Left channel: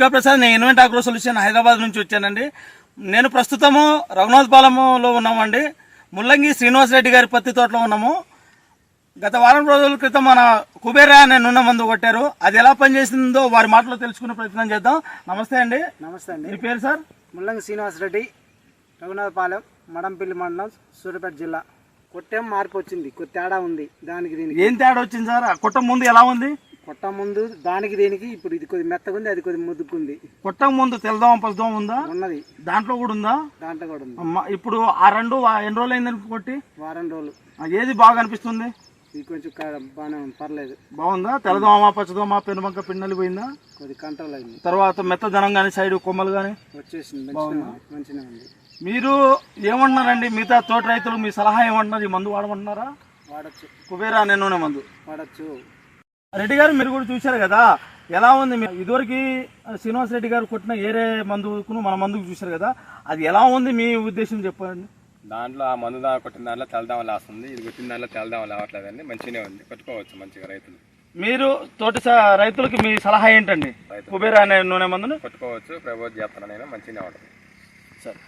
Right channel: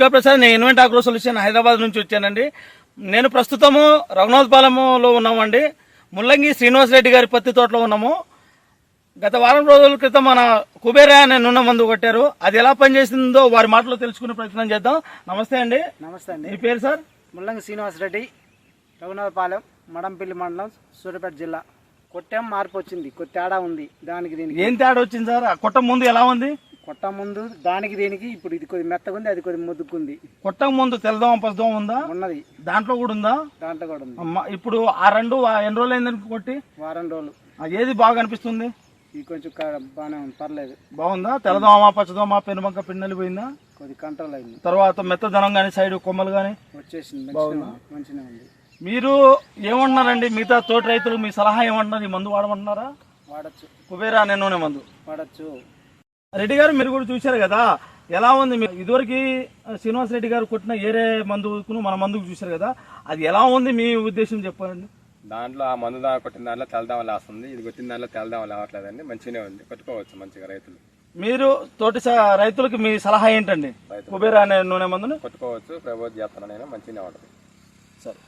దుర్గాప్రసాద్, నేను invent agro solution Hyderabad నుంచి వచ్చానండి. నేను ప్రస్తుతము రఘునాథపాలెంలో ఉన్నామండి. ముల్లంగి శ్రీనివాస్ రెడ్డి గారి పత్తి తోటలో ఉన్నాము. గత వారం రోజుల క్రితం మన కుబేరా అనే నూనె మందు కొట్టారు. అది ఎలా పనిచేసిందో వారి మాటలో తెలుసుకునే ప్రయత్నం చేద్దాం. నమస్తే అండి. నమస్తే అండి. మీ పేరు సార్? ముల్లంగి శ్రీనివాస్ రెడ్డి, రఘునాథపాలెం, మడంపల్లి మండలం, సూర్యాపేట జిల్లా. కొట్టం మార్పు వచ్చింది, కొద్ది తేడా ఉంది. దానికి దీనికి ఏం తేడా వచ్చింది సార్? కొట్ట ముందు ఎలా ఉంది? కొట్ట ముందు దానికి దీనికి ఇప్పుడు ఇది కొద్ది మెత్తగా ఉంది, అది కొద్ది ముద్దుకుంది. కొట్ట ముందు తెల్లదోమ పసుదోమ ఉందా? ఉన్నది, దాంట్లో కూడా ఉందా? దాంట్లో కూడా ఉంది. ఇప్పుడు ఆ రెండు ఎన్ని రోజులు అయిందని కొట్టి? వారం రోజులు. ఏది బాగా అనిపిస్తుంది? ఇది కొంచెం బాగానే ఉంది, పర్లేదు. బాగుందా? తెల్లదోమ పచ్చదోమ పెనుబంక పిండి పోయిందా? కొద్ది కంట్రోల్ అయింది. తర్వాత మెత్తదనం కానీ సైడ్ కొమ్మలు కానీ వచ్చేసింది, మంచిగా ఉంది. మీరు ఏమంటున్నారండి? మిగతా తోటి రైతులు మీ సలహా ఏమంటున్నారు? ఈ మందు వాడమంటున్నారా? వాడచ్చు. కుబేరా అనే నూనె మందు వాడచ్చు. రెడ్డి గారు మీరు కూడా చూశారు కదా, ఎలా ఉంది? ఇదివరకు శ్రీనివాస్ రెడ్డి గారు కొట్టిన ఏరే మందుకు మన మందుకు చూశారు కదా, అది ఎలా ఉంది మీ ఉద్దేశం చెప్పండి. దాంట్లో ఆ మందు కొట్టిన దాంట్లో తెల్లదామ లేస్తుంది, ఇది కొట్టిన దాంట్లో తెల్లదామ లేవట్లేదండి. మంచిగానే ఉంది, కొట్టుకోవచ్చు మంచిగా రైతులు. మీరు తోటి రైతులకి మీ సలహా ఏంటండి? కుబేరా అనే నూనె మందుని కొట్టుకోవచ్చు, ప్రపోజ్ చేస్తాను నేను, మంచిగానే ఉంటుంది. సరే.